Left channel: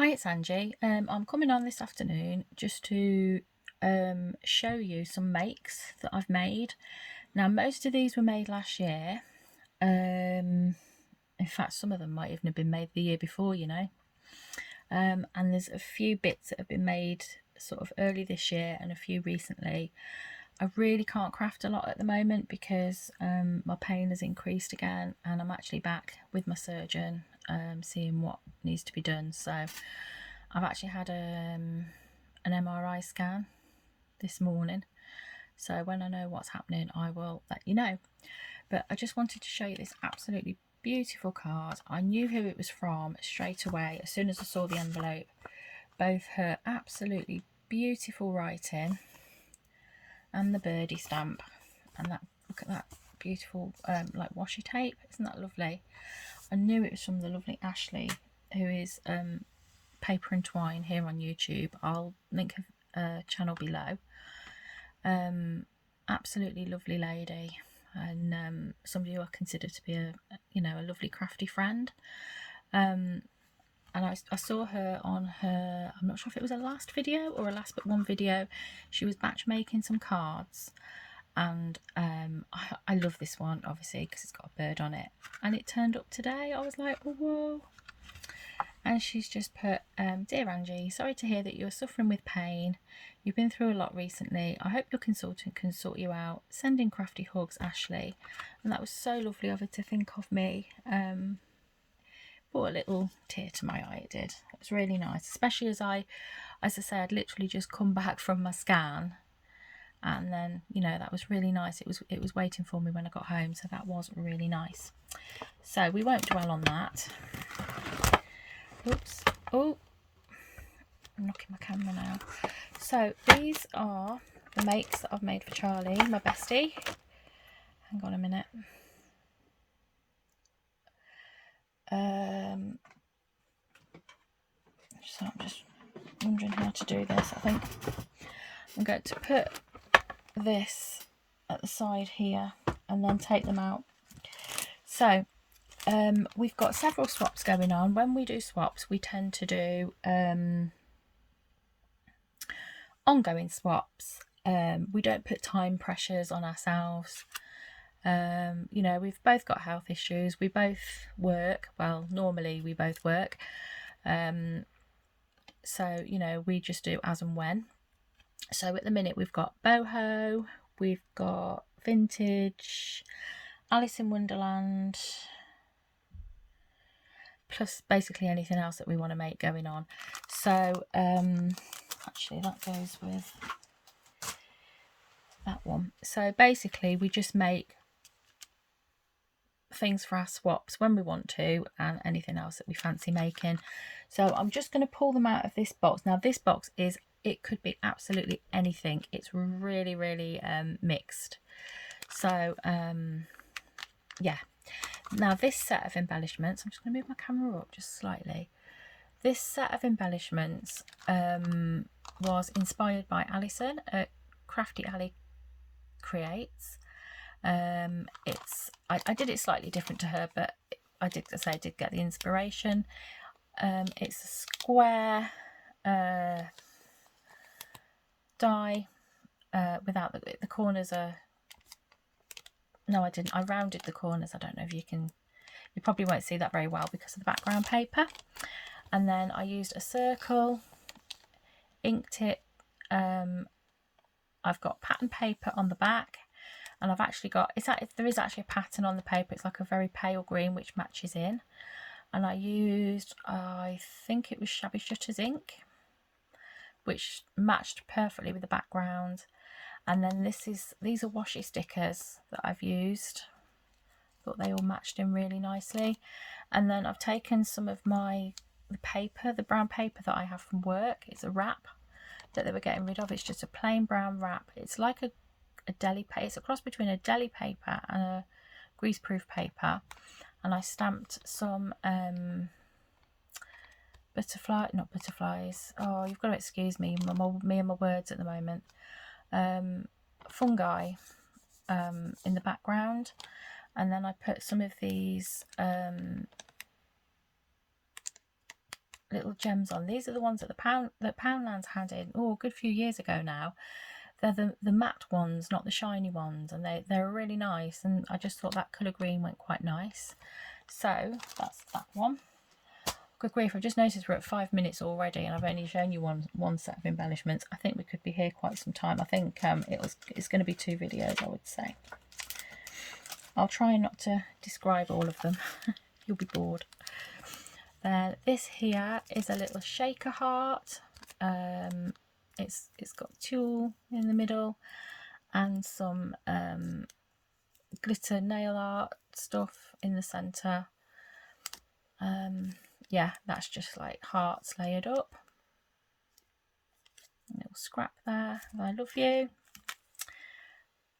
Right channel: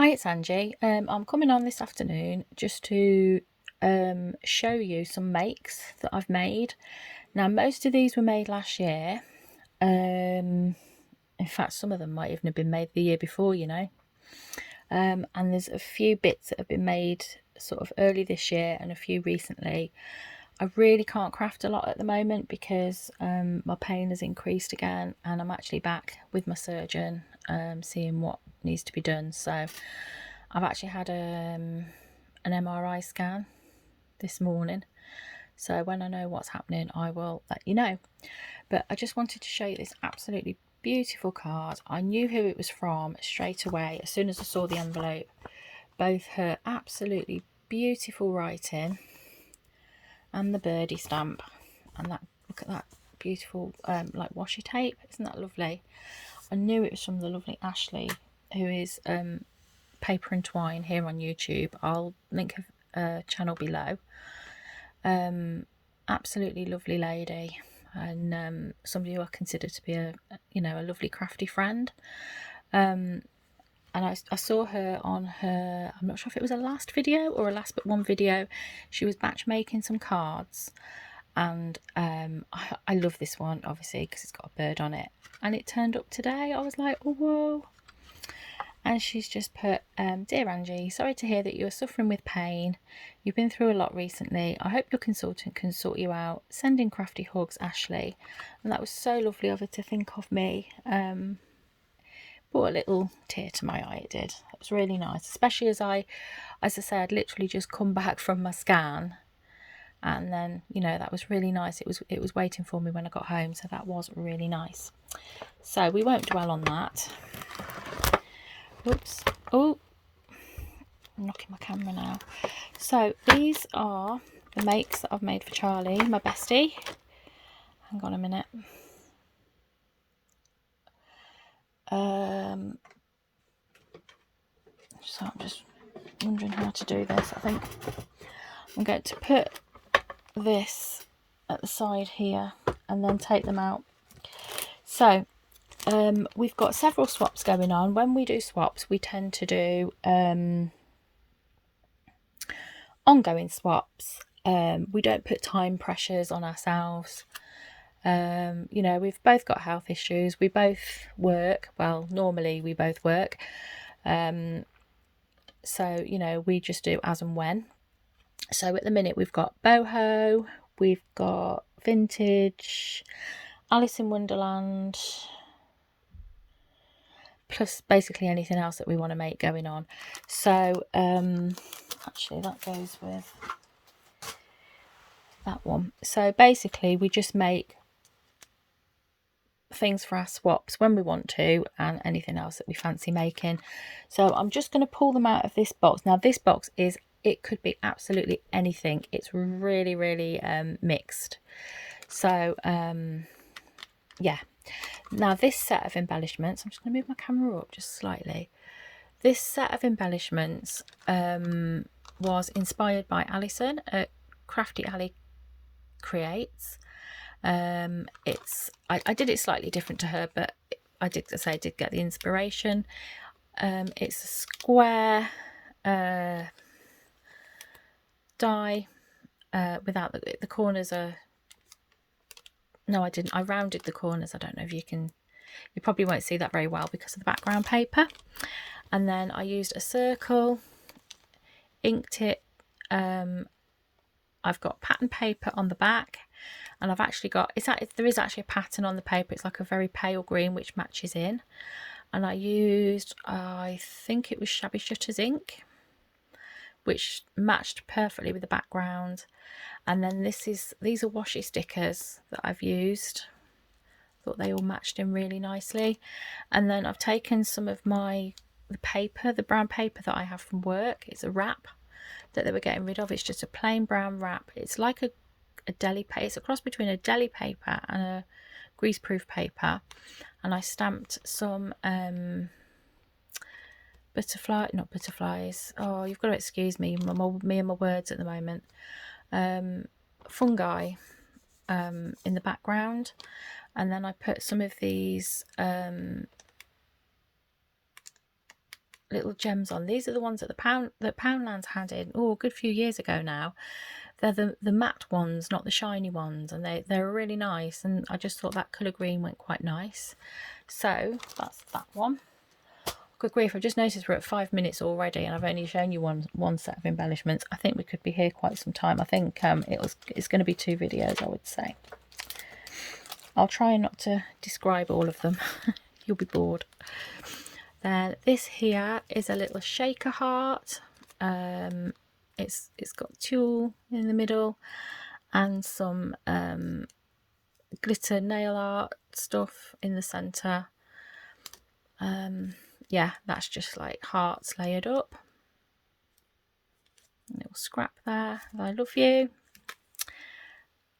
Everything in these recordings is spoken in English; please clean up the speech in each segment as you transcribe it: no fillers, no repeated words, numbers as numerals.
Hi, it's Angie. I'm coming on this afternoon just to show you some makes that I've made. Now, most of these were made last year. In fact, some of them might even have been made the year before, you know. And there's a few bits that have been made sort of early this year and a few recently. I really can't craft a lot at the moment because my pain has increased again, and I'm actually back with my surgeon seeing what needs to be done. So I've actually had an MRI scan this morning. So when I know what's happening, I will let you know. But I just wanted to show you this absolutely beautiful card. I knew who it was from straight away as soon as I saw the envelope. Both her absolutely beautiful writing and the birdie stamp, and that, look at that beautiful like washi tape. Isn't that lovely? I knew it was from the lovely Ashley, who is Paper and Twine here on YouTube. I'll link her channel below. Absolutely lovely lady, and somebody who I consider to be a lovely crafty friend. And I saw her on her, I'm not sure if it was a last video or a last but one video. She was batch making some cards, and I love this one obviously because it's got a bird on it, and it turned up today. I was like, oh, whoa. And she's just put, Dear Angie, sorry to hear that you're suffering with pain. You've been through a lot recently. I hope your consultant can sort you out. Sending crafty hugs, Ashley. And that was so lovely of her to think of me. Brought a little tear to my eye, it did. It was really nice, especially as I said, literally just come back from my scan. And then, that was really nice. It was waiting for me when I got home, so that was really nice. So we won't dwell on that. Oops. Oh, I'm knocking my camera now. So these are the makes that I've made for Charlie, my bestie. Hang on a minute. So I'm just wondering how to do this. I think I'm going to put this at the side here and then take them out. So we've got several swaps going on. When we do swaps, we tend to do ongoing swaps. We don't put time pressures on ourselves. We've both got health issues. We both work. Well, normally we both work. So, we just do as and when. So at the minute we've got boho, we've got vintage, Alice in Wonderland, plus basically anything else that we want to make going on. So actually that goes with that one. So basically we just make things for our swaps when we want to, and anything else that we fancy making. So I'm just going to pull them out of this box. Now this box it could be absolutely anything. It's really, really mixed. So yeah. Now this set of embellishments, I'm just going to move my camera up just slightly. This set of embellishments was inspired by Alison at Crafty Ali Creates. I did it slightly different to her, but I did get the inspiration. It's a square die without the corners are, no, I didn't, I rounded the corners. I don't know if you probably won't see that very well because of the background paper. And then I used a circle, inked it. I've got pattern paper on the back, and I've actually got, there is actually a pattern on the paper. It's like a very pale green which matches in, and I used, I think it was Shabby Shutter's ink, which matched perfectly with the background. And then these are washi stickers that I've used. Thought they all matched in really nicely. And then I've taken some of the paper, the brown paper that I have from work. It's a wrap that they were getting rid of. It's just a plain brown wrap. It's like a deli paper. It's a cross between a deli paper and a greaseproof paper. And I stamped some not butterflies. Oh, you've got to excuse me, me and my words at the moment. Fungi in the background. And then I put some of these little gems on. These are the ones that Poundland's had in, oh, a good few years ago now. They're the matte ones, not the shiny ones, and they're really nice, and I just thought that colour green went quite nice. So that's that one. Good grief, I've just noticed we're at 5 minutes already, and I've only shown you one set of embellishments. I think we could be here quite some time. I think it's going to be 2 videos, I would say. I'll try not to describe all of them. You'll be bored. Then this here is a little shaker heart. It's got tulle in the middle and some glitter nail art stuff in the centre. Yeah, that's just like hearts layered up. A little scrap there. I love you.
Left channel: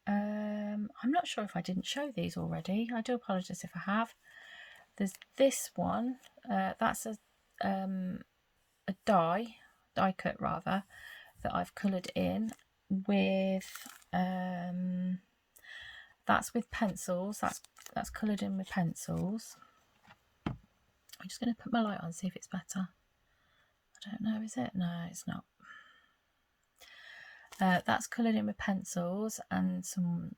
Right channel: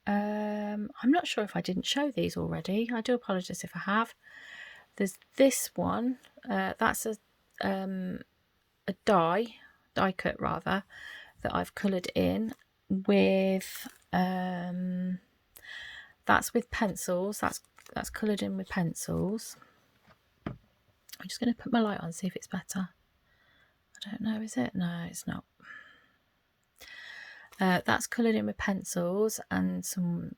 I'm not sure if I didn't show these already. I do apologise if I have. There's this one. That's a die cut rather, that I've coloured in with. That's with pencils. That's coloured in with pencils. I'm just going to put my light on, see if it's better. I don't know, is it? No, it's not. That's coloured in with pencils and some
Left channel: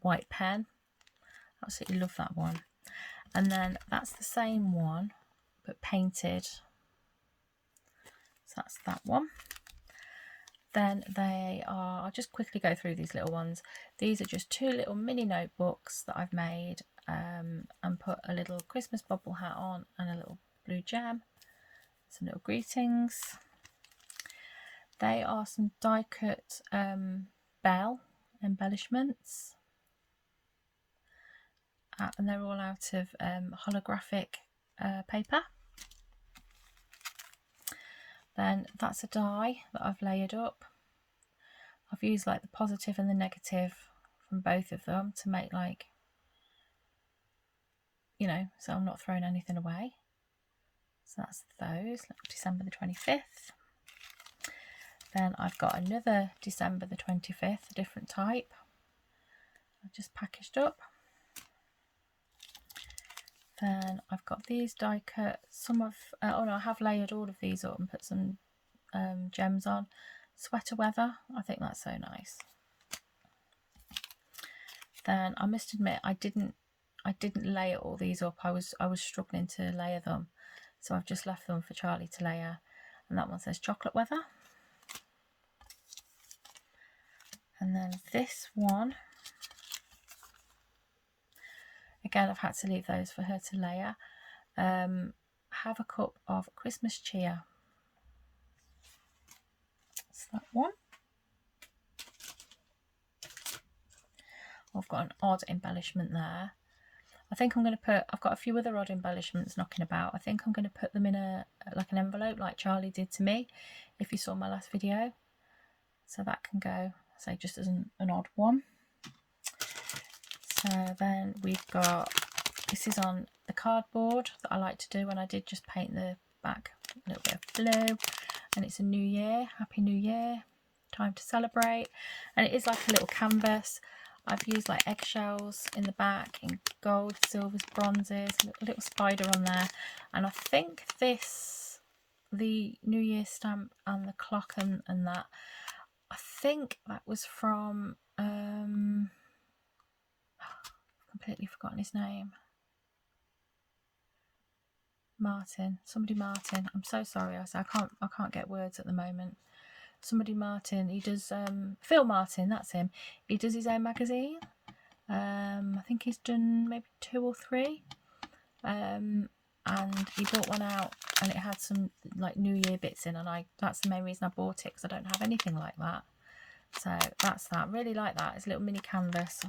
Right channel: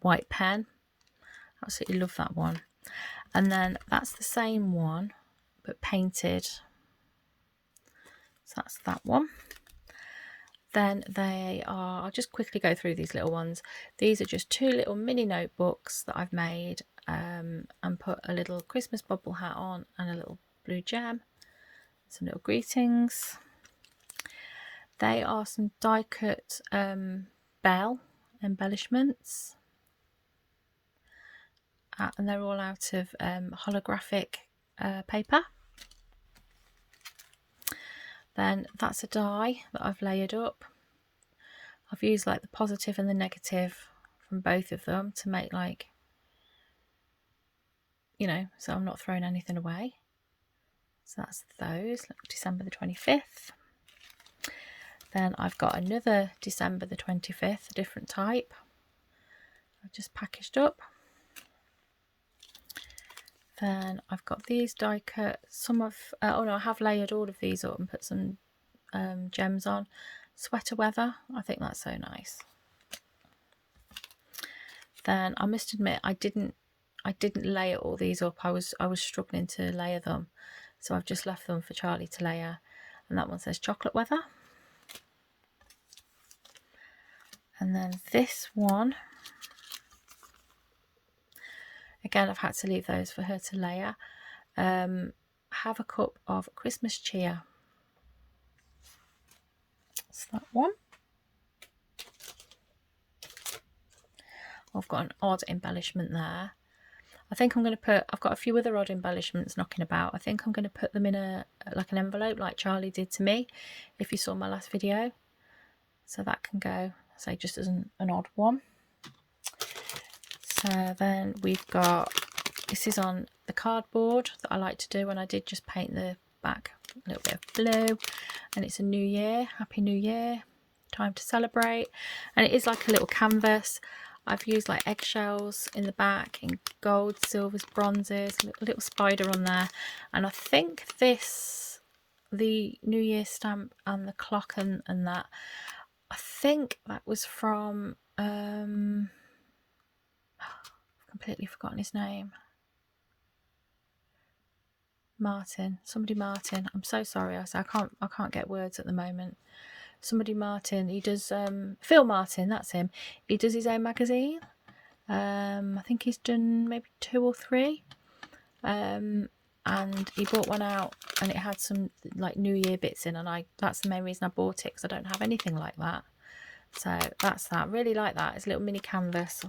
white pen. Absolutely love that one. And then that's the same one, but painted. So that's that one. Then they are, I'll just quickly go through these little ones. These are just 2 little mini notebooks that I've made and put a little Christmas bubble hat on and a little blue gem. Some little greetings. They are some die cut bell embellishments. And they're all out of holographic paper. Then that's a die that I've layered up. I've used like the positive and the negative from both of them to make, like, you know, so I'm not throwing anything away. So that's those, December the 25th. Then I've got another December the 25th, a different type. I've just packaged up. Then I've got these die cut. Some of, oh no, I have layered all of these up and put some gems on. Sweater weather, I think that's so nice. Then I must admit, I didn't layer all these up. I was struggling to layer them, so I've just left them for Charlie to layer. And that one says chocolate weather. And then this one, again, I've had to leave those for her to layer. Have a cup of Christmas cheer. That's that one. I've got an odd embellishment there. I think I'm going to put, I've got a few other odd embellishments knocking about. I think I'm going to put them in like an envelope like Charlie did to me, if you saw my last video. So that can go, say, just as an odd one. So then we've got, this is on the cardboard that I like to do, and I did just paint the back a little bit of blue, and it's a new year, happy new year, time to celebrate. And it is like a little canvas. I've used like eggshells in the back in gold, silvers, bronzes, a little spider on there. And I think this, the New Year stamp and the clock and that, I think that was from, I've completely forgotten his name. Martin, somebody Martin. I'm so sorry. I can't get words at the moment. Somebody Martin. He does Phil Martin. That's him. He does his own magazine. I think he's done maybe 2 or 3. And he brought one out, and it had some like New Year bits in, and that's the main reason I bought it, because I don't have anything like that. So that's that. Really like that. It's a little mini canvas.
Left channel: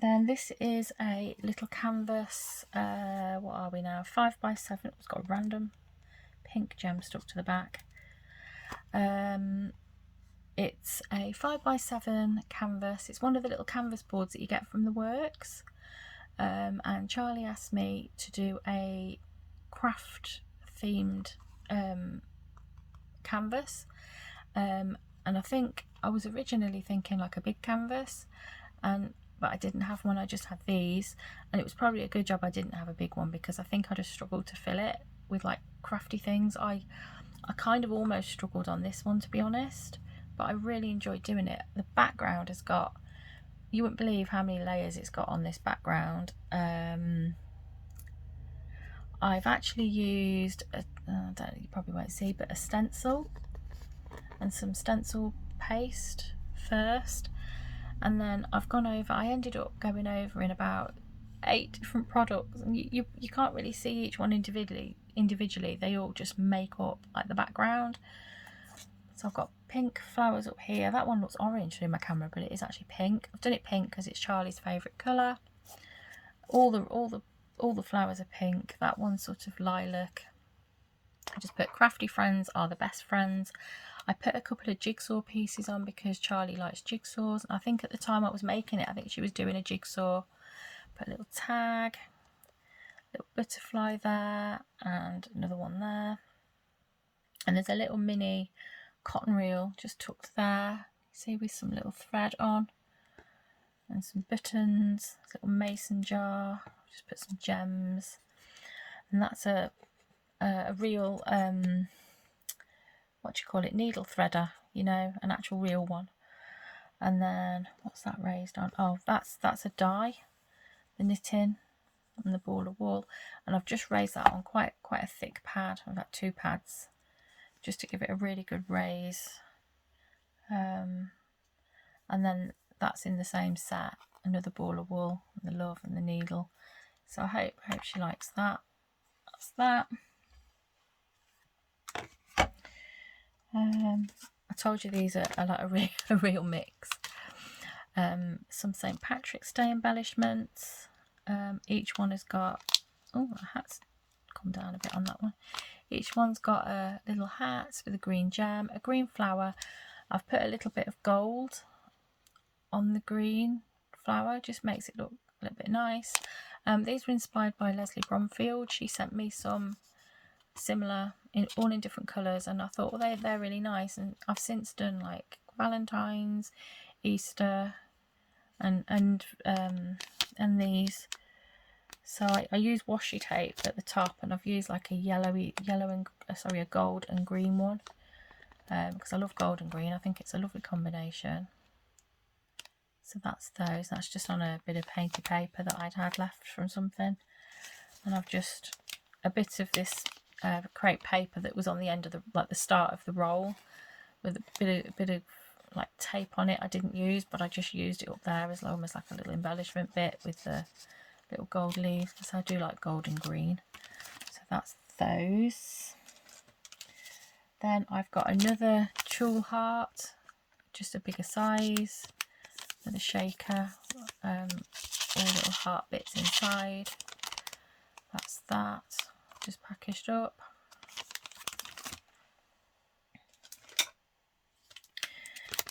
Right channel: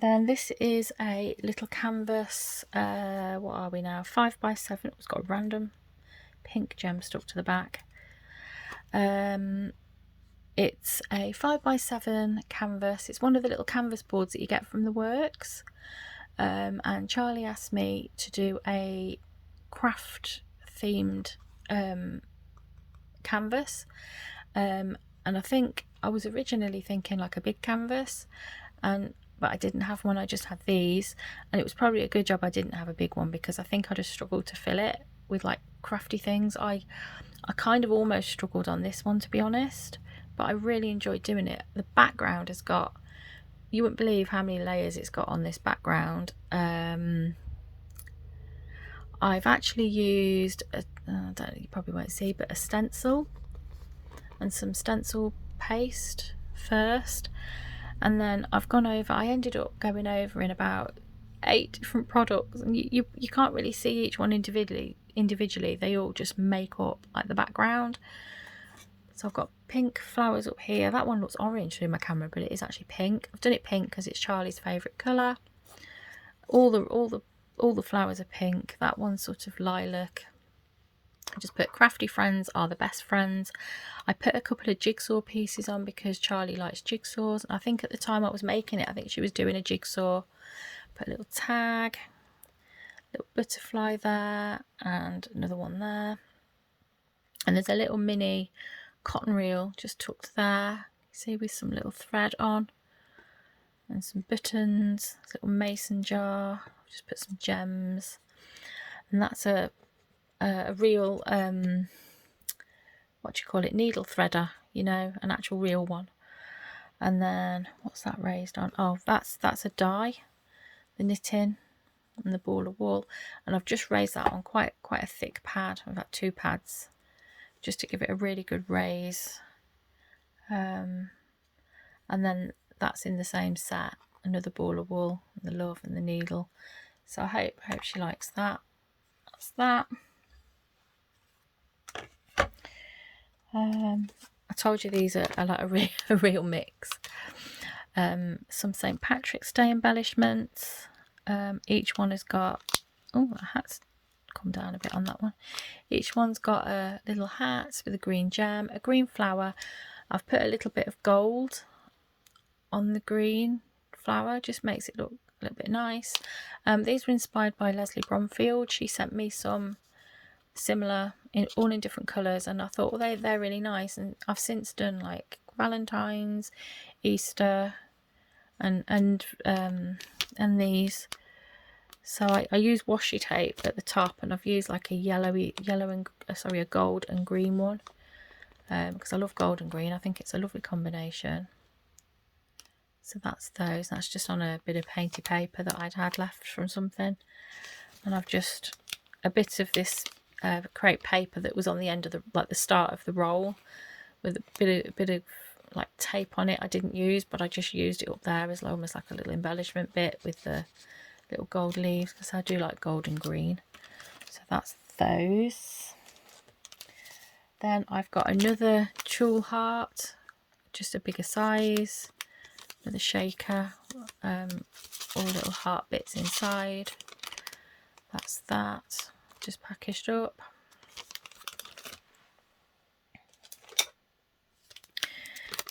Then this is a little canvas. What are we now? 5x7. It's got a random pink gem stuck to the back. It's a 5x7 canvas. It's one of the little canvas boards that you get from the works. And Charlie asked me to do a craft themed canvas. And I think I was originally thinking like a big canvas, and but I didn't have one. I just had these, and it was probably a good job I didn't have a big one, because I think I'd have struggled to fill it with like crafty things. I kind of almost struggled on this one, to be honest, but I really enjoyed doing it. The background has got, you wouldn't believe how many layers it's got on this background. I've actually used you probably won't see, but a stencil and some stencil paste first, and then I've gone over, I ended up going over in about 8 different products, and you can't really see each one individually. They all just make up like the background. So I've got pink flowers up here. That one looks orange through my camera, but it is actually pink. I've done it pink because it's Charlie's favourite colour. All the flowers are pink. That one's sort of lilac. I just put crafty friends are the best friends. I put a couple of jigsaw pieces on because Charlie likes jigsaws. I think at the time I was making it, I think she was doing a jigsaw. Put a little tag, little butterfly there, and another one there. And there's a little mini cotton reel just tucked there, see, with some little thread on, and some buttons, a little mason jar. Just put some gems, and that's a real what do you call it, needle threader, you know, an actual real one. And then what's that raised on? Oh, that's a die, the knitting and the ball of wool, and I've just raised that on quite a thick pad. I've got 2 pads just to give it a really good raise. And then that's in the same set, another ball of wool, the love and the needle. So I hope she likes that. That's that. I told you these are like a real mix. Some St. Patrick's Day embellishments. Each one has got, oh, a hat's come down a bit on that one. Each one's got a little hat with a green gem, a green flower. I've put a little bit of gold on the green flower, just makes it look a little bit nice. These were inspired by Leslie Bromfield. She sent me some similar, all in different colours, and I thought, well, they're really nice. And I've since done like Valentine's, Easter, and these. So I use washi tape at the top, and I've used like a gold and green one, because I love gold and green. I think it's a lovely combination. So that's those. That's just on a bit of painted paper that I'd had left from something, and I've just a bit of this crepe paper that was on the end of the start of the roll, with a bit of like tape on it. I didn't use, but I just used it up there as almost like a little embellishment bit with the little gold leaves, because I do like gold and green. So that's those. Then I've got another tulle heart, just a bigger size, with a shaker, all little heart bits inside. That's that, just packaged up.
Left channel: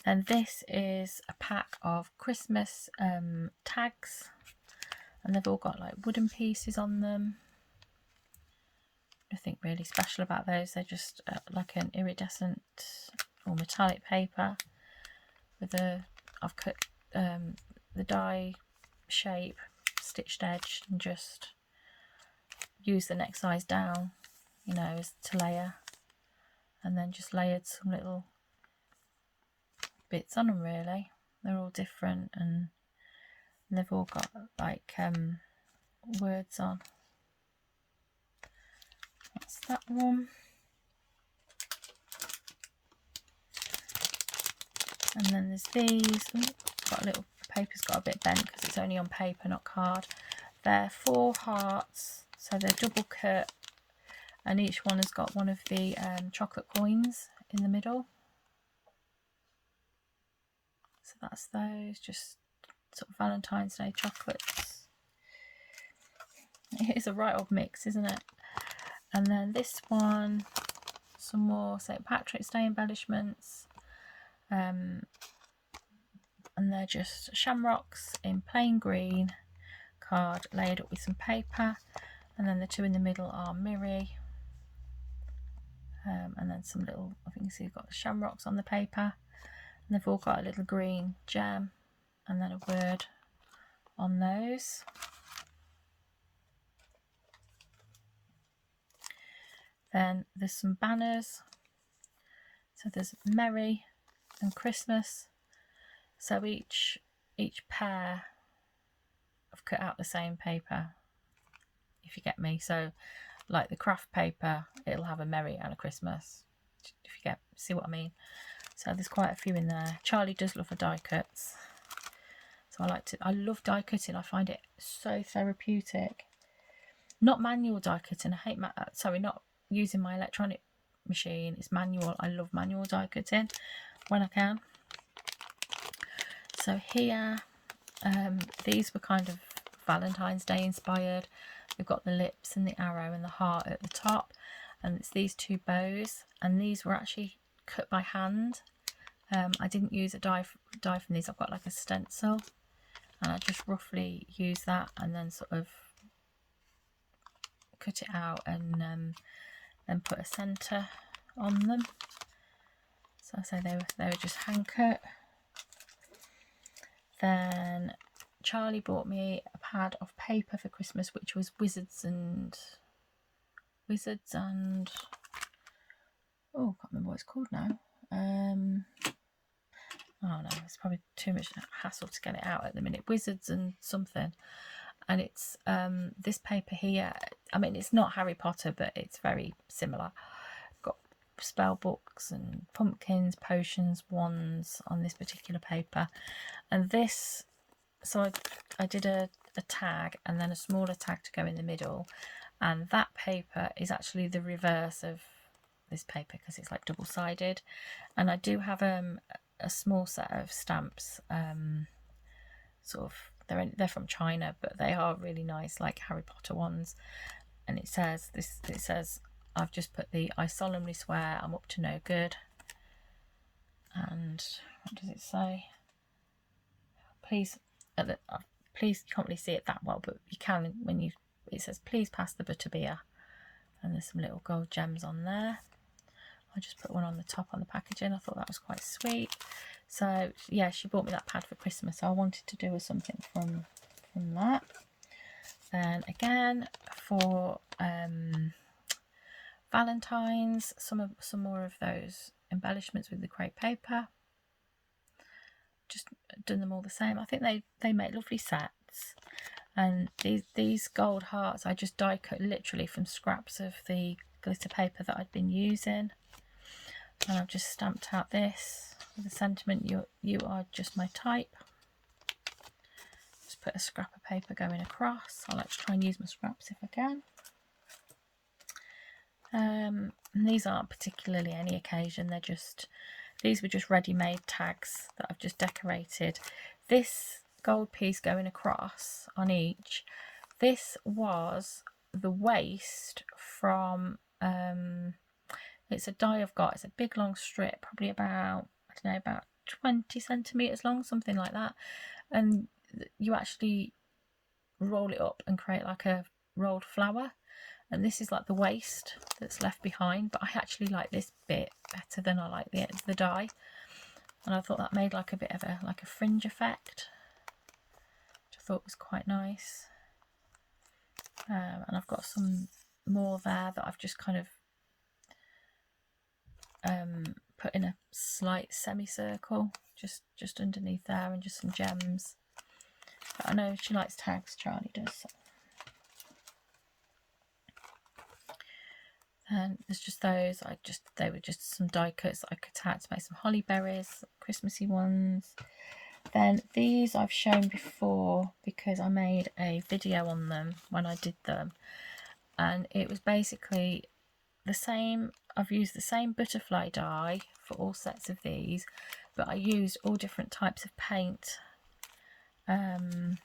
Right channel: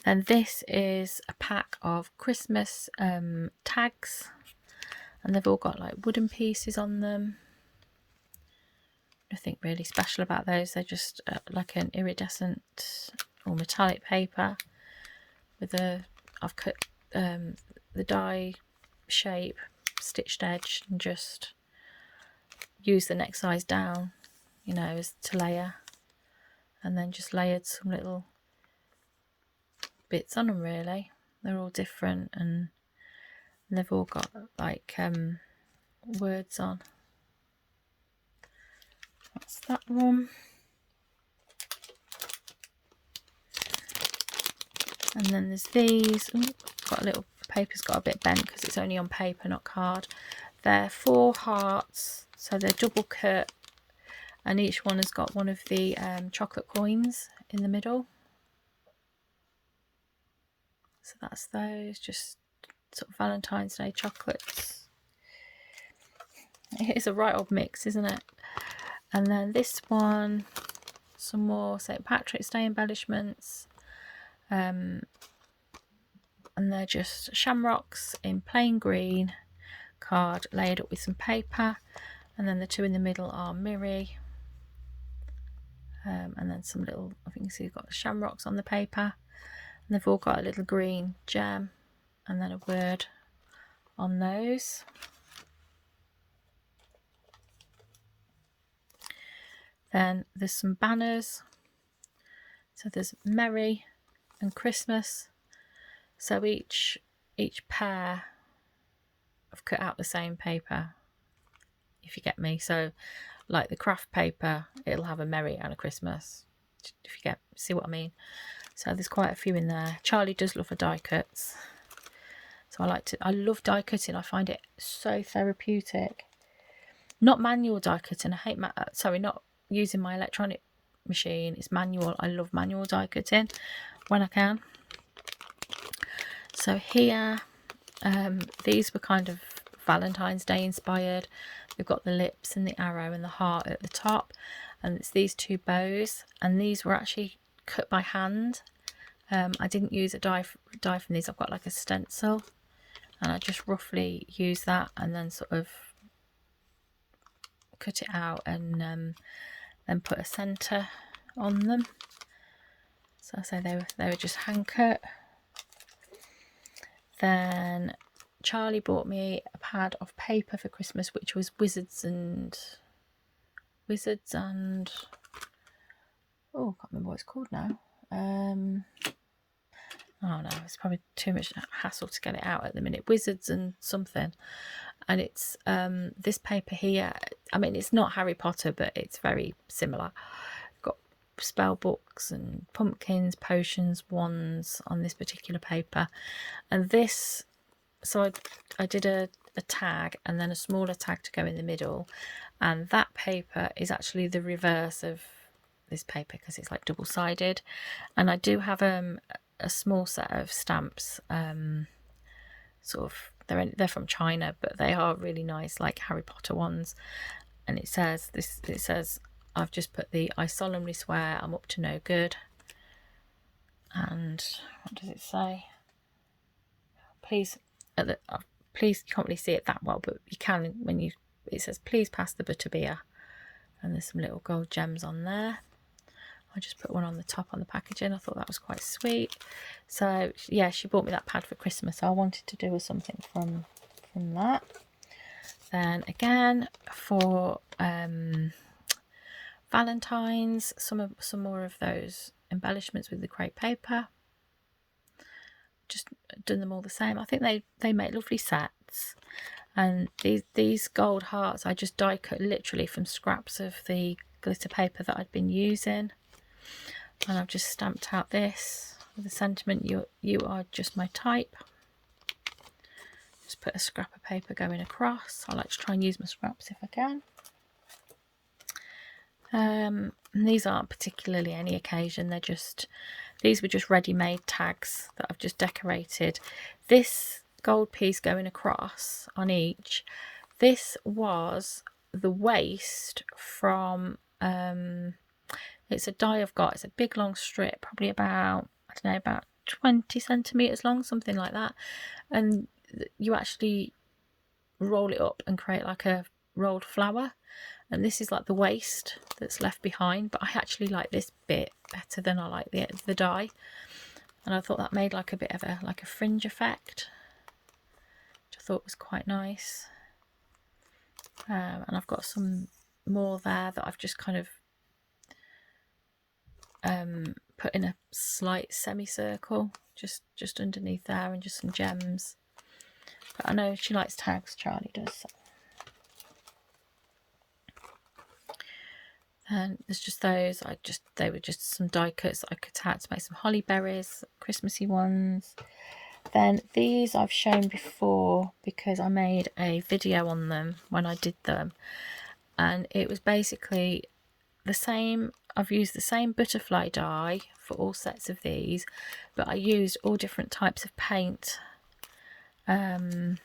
And this is a pack of Christmas tags, and they've all got like wooden pieces on them. Nothing really special about those. They're just like an iridescent or metallic paper with I've cut the die shape, stitched edge, and just use the next size down, you know, as to layer, and then just layered some little bits on them. Really, they're all different, and they've all got like words on. That's that one. And then there's these. Ooh, got a little paper's got a bit bent because it's only on paper, not card. They're 4 hearts, so they're double cut, and each one has got one of the chocolate coins in the middle. So that's those, just sort of Valentine's Day chocolates. It's a right old mix, isn't it? And then this one, some more St. Patrick's Day embellishments. And they're just shamrocks in plain green card layered up with some paper, and then the 2 in the middle are mirri, and then some little, I think you see you've got the shamrocks on the paper, and they've all got a little green gem and then a word on those. Then there's some banners. So there's Merry and Christmas. So each pair I've cut out the same paper, if you get me. So like the craft paper, it'll have a Merry and a Christmas, if you see what I mean. So there's quite a few in there. Charlie does love her die cuts, so I love die cutting. I find it so therapeutic. Not manual die cutting. I hate not using my electronic machine. It's manual. I love manual die cutting when I can. So here, these were kind of Valentine's Day inspired. They've got the lips and the arrow and the heart at the top, and it's these two bows, and these were actually cut by hand. I didn't use a die from these. I've got like a stencil, and I just roughly use that and then sort of cut it out and then put a centre on them. So I say they were just hand cut. Then Charlie bought me a pad of paper for Christmas, which was Wizards and oh, I can't remember what it's called now. Oh no, it's probably too much hassle to get it out at the minute. Wizards and something, and it's this paper here. I mean, it's not Harry Potter, but it's very similar. Got spell books and pumpkins, potions, wands on this particular paper, and this. So I did a tag and then a smaller tag to go in the middle, and that paper is actually the reverse of this paper because it's like double-sided. And I do have a small set of stamps, sort of they're from China, but they are really nice, like Harry Potter ones. And it says I've just put the "I solemnly swear I'm up to no good," and what does it say? Please, please, you can't really see it that well, but you can when it says "Please pass the butter beer," and there's some little gold gems on there. I just put one on the top on the packaging. I thought that was quite sweet. So yeah, she bought me that pad for Christmas, so I wanted to do something from that. Then again for Valentine's, some more of those embellishments with the crepe paper. Just done them all the same. I think they make lovely sets. And these gold hearts I just die cut literally from scraps of the glitter paper that I'd been using, and I've just stamped out this with the sentiment, you are just my type. Just put a scrap of paper going across. I like to try and use my scraps if I can. And these aren't particularly any occasion, these were just ready-made tags that I've just decorated. This gold piece going across on each, this was the waist from it's a die I've got. It's a big long strip, probably about, I don't know, about 20 centimeters long, something like that, and you actually roll it up and create like a rolled flower, and this is like the waist that's left behind. But I actually like this bit better than I like the die, and I thought that made like a bit of a fringe effect, which I thought was quite nice. And I've got some more there that I've just kind of put in a slight semicircle just underneath there, and just some gems. But I know she likes tags, Charlie does. So. And there's just those. They were just some die cuts that I cut out to make some holly berries, Christmassy ones. Then these I've shown before because I made a video on them when I did them, and it was basically the same. I've used the same butterfly die for all sets of these, but I used all different types of paint. And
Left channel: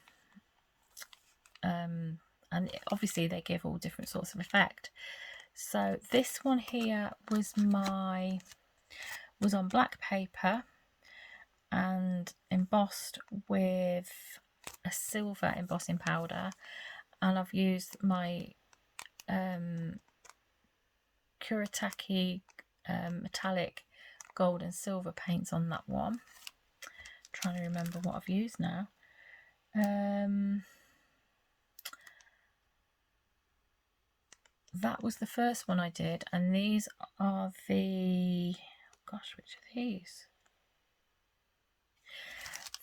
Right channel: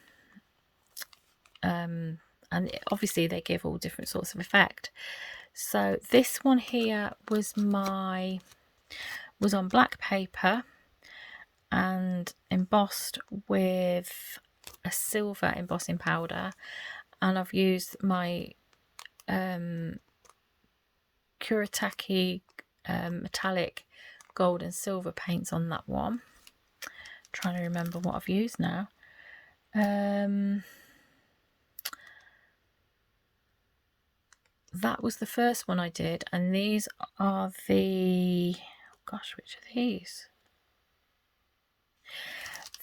obviously they give all different sorts of effect. So this one here was on black paper and embossed with a silver embossing powder, and I've used my Kuretake metallic gold and silver paints on that one. I'm trying to remember what I've used now. That was the first one I did, and these are the, gosh, which are these?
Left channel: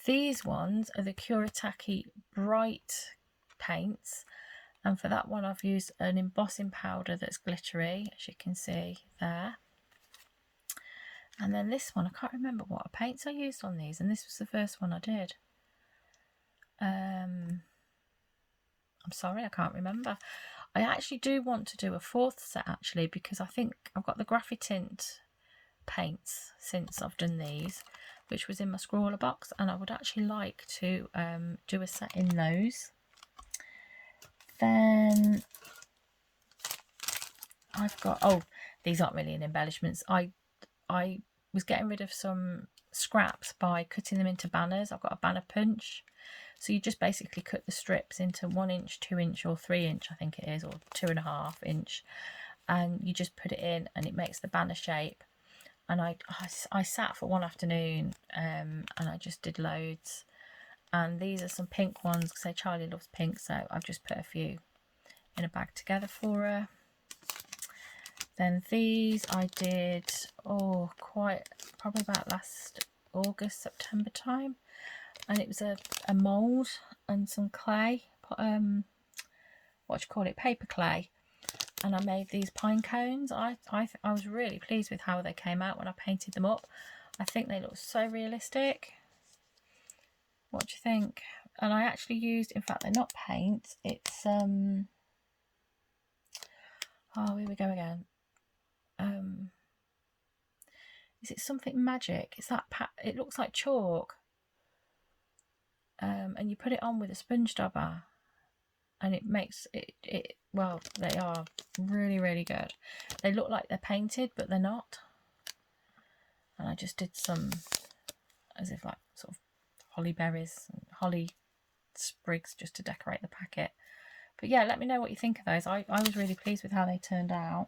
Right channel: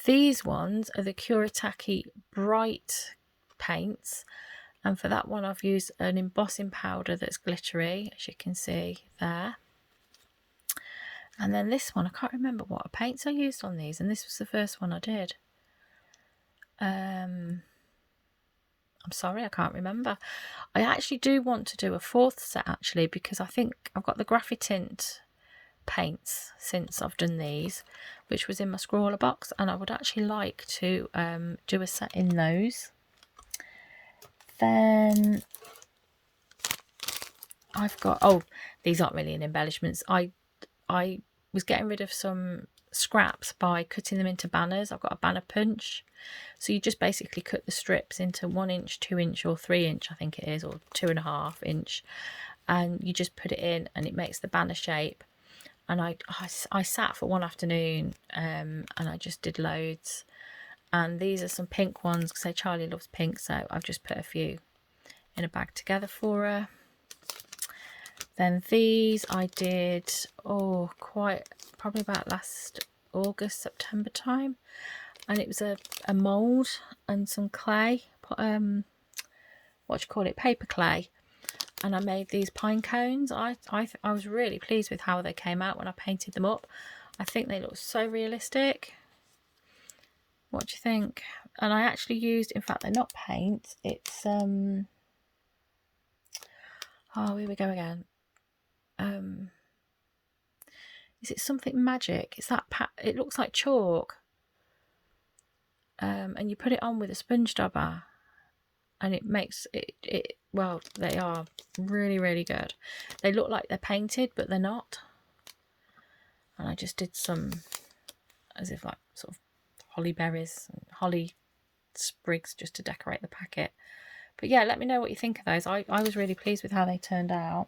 These ones are the Kuretake Bright paints, and for that one I've used an embossing powder that's glittery, as you can see there. And then this one, I can't remember what paints I used on these, and this was the first one I did. I'm sorry, I can't remember. I actually do want to do a fourth set actually, because I think I've got the Graphic Tint paints since I've done these, which was in my scrawler box, and I would actually like to do a set in those. Then I've got, oh, these aren't really an embellishments. I was getting rid of some scraps by cutting them into banners. I've got a banner punch. So you just basically cut the strips into 1 inch, 2 inch or 3 inch, I think it is, or 2.5 inch. And you just put it in and it makes the banner shape. And I sat for one afternoon and I just did loads. And these are some pink ones because Charly loves pink. So I've just put a few in a bag together for her. Then these I did, oh, quite, probably about last August, September time. And it was a mould and some clay, what do you call it, paper clay. And I made these pine cones. I was really pleased with how they came out when I painted them up. I think they look so realistic. What do you think? And I actually used, in fact, they're not paint. It's, oh, here we go again. Is it something magic? It's that, it looks like chalk. And you put it on with a sponge dauber. And it makes it, well, they are really, really good. They look like they're painted, but they're not. And I just did some, as if like sort of holly berries and holly sprigs just to decorate the packet. But yeah, let me know what you think of those. I was really pleased with how they turned out.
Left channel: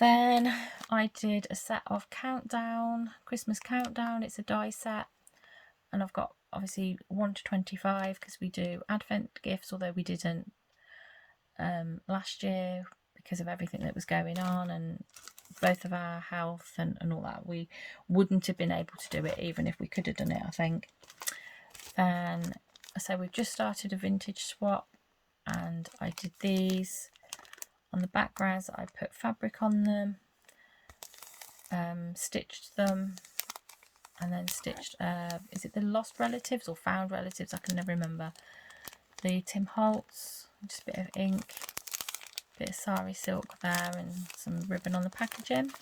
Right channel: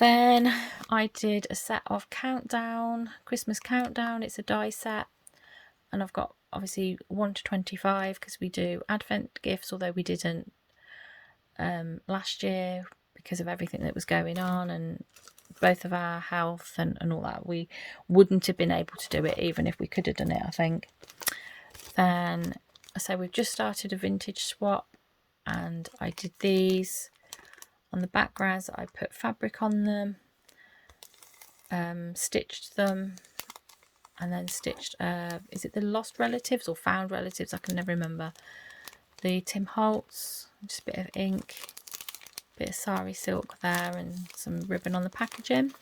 Then I did a set of Countdown, Christmas Countdown. It's a die set. And I've got obviously 1 to 25 because we do Advent gifts, although we didn't last year because of everything that was going on and both of our health and all that. We wouldn't have been able to do it even if we could have done it, I think. Then, so we've just started a vintage swap and I did these. On the backgrounds, I put fabric on them, stitched them, and then stitched, is it the Lost Relatives or Found Relatives? I can never remember. The Tim Holtz, just a bit of ink, bit of sari silk there, and some ribbon on the packaging.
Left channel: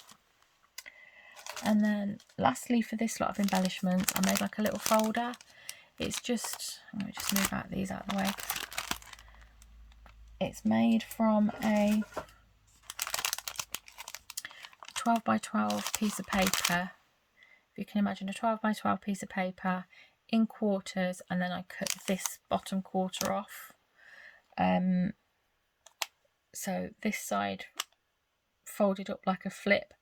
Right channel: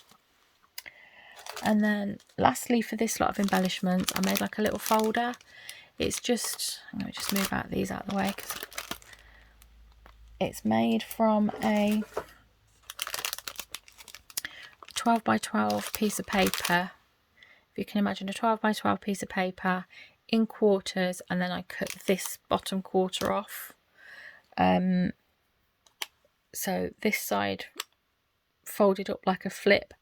And then lastly, for this lot of embellishments, I made like a little folder. It's just, I'm going to just move out these out of the way. It's made from a 12 by 12 piece of paper. If you can imagine a 12 by 12 piece of paper in quarters, and then I cut this bottom quarter off. So this side folded up like a flip,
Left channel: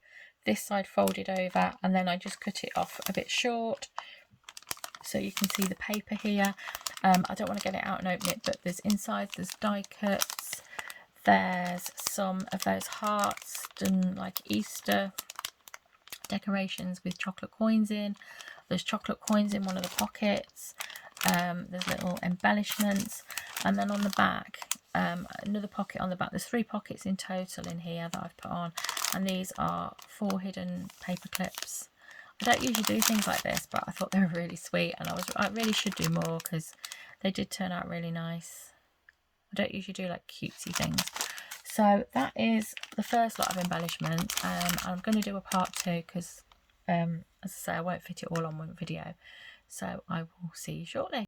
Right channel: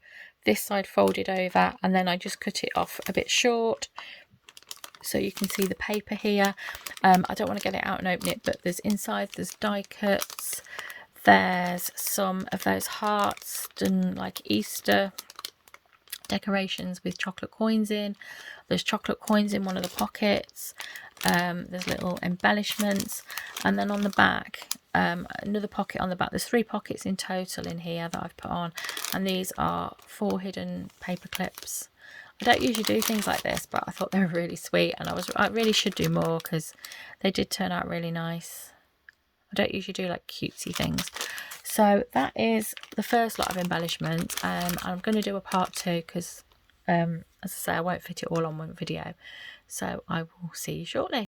this side folded over, and then I just cut it off a bit short. So you can see the paper here. I don't want to get it out and open it, but there's inside, there's die cuts. There's some of those hearts done like Easter decorations with chocolate coins in. There's chocolate coins in one of the pockets. There's little embellishments. And then on the back, another pocket on the back. There's 3 pockets in total in here that I've put on. And these are 4 hidden paper clips. I don't usually do things like this, but I thought they were really sweet, and I really should do more because they did turn out really nice. I don't usually do like cutesy things. So that is the first lot of embellishments. I'm going to do a part 2 because, as I say, I won't fit it all on one video. So I will see you shortly.